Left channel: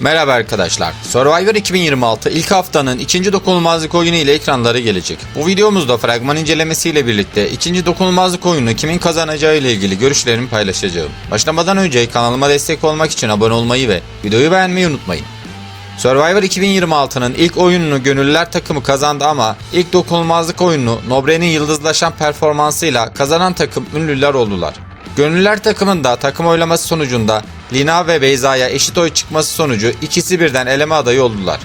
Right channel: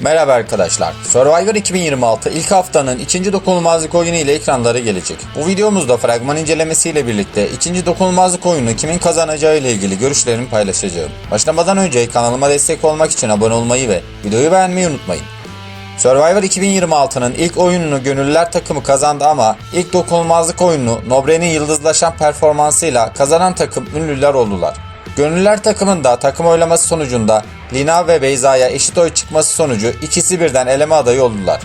Merhaba arkadaşlar. Survivor 2026 ilk haftanın ikinci dokunulmazlık oyunu ile ekranlara gelecek. Bu videomuzda fragman incelemesiyle birlikte ikinci dokunulmazlık oyunu kimin kazanacağı ile ilgili görüşlerimi paylaşacağım. Başlamadan önce kanalıma destek olmak için abone olmayı ve videoyu beğenmeyi unutmayın. Survivor 2026'nın ilk oyununu gönüllüler takımı kazandı ama ilk dokunulmazlık oyununu Nobre'nin yıldızlaşan performansıyla kazanan takım ünlüler oldular. Gönüllüler takımında takım oylaması sonucunda Lina ve Beyza'ya eşit oy çıkması sonucu ikisi birden eleme adayı oldular.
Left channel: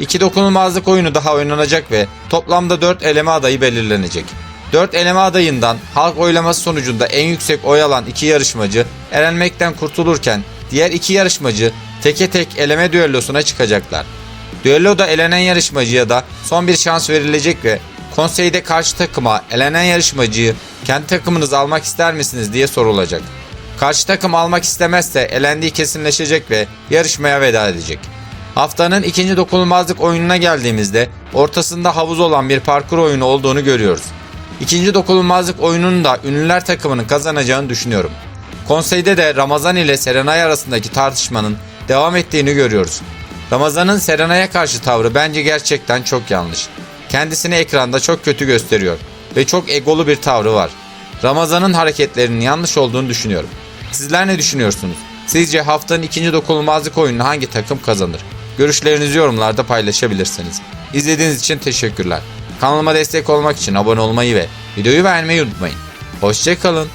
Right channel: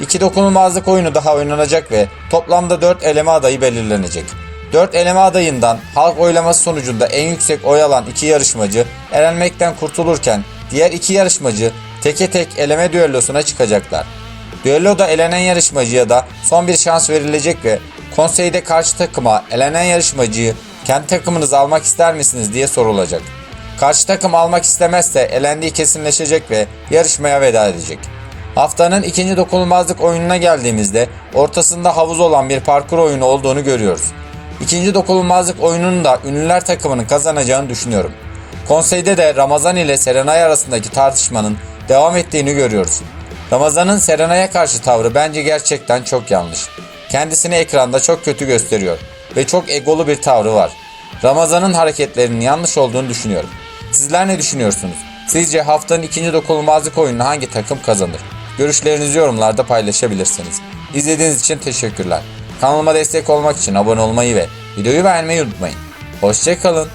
İki dokunulmazlık oyunu daha oynanacak ve toplamda 4 eleme adayı belirlenecek. 4 eleme adayından halk oylaması sonucunda en yüksek oy alan iki yarışmacı elenmekten kurtulurken diğer iki yarışmacı teke tek eleme düellosuna çıkacaklar. Düelloda elenen yarışmacıya da son bir şans verilecek ve konseyde karşı takıma elenen yarışmacıyı kendi takımınıza almak ister misiniz diye sorulacak. Karşı takım almak istemezse elendiği kesinleşecek ve yarışmaya veda edecek. Haftanın ikinci dokunulmazlık oyununa geldiğimizde ortasında havuz olan bir parkur oyunu olduğunu görüyoruz. İkinci dokunulmazlık oyununu da ünlüler takımının kazanacağını düşünüyorum. Konseyde de Ramazan ile Serenay arasındaki tartışmanın devam ettiğini görüyoruz. Ramazan'ın Serenay'a karşı tavrı bence gerçekten çok yanlış. Kendisini ekranda çok kötü gösteriyor ve çok egolu bir tavrı var. Ramazan'ın hareketlerinin yanlış olduğunu düşünüyorum. Sizler ne düşünüyorsunuz? Sizce haftanın ikinci dokunulmazlık oyununu hangi takım kazanır? Görüşlerinizi yorumlarda paylaşabilirsiniz. İzlediğiniz için teşekkürler. Kanalıma destek olmak için abone olmayı ve videoyu beğenmeyi unutmayın. Hoşçakalın.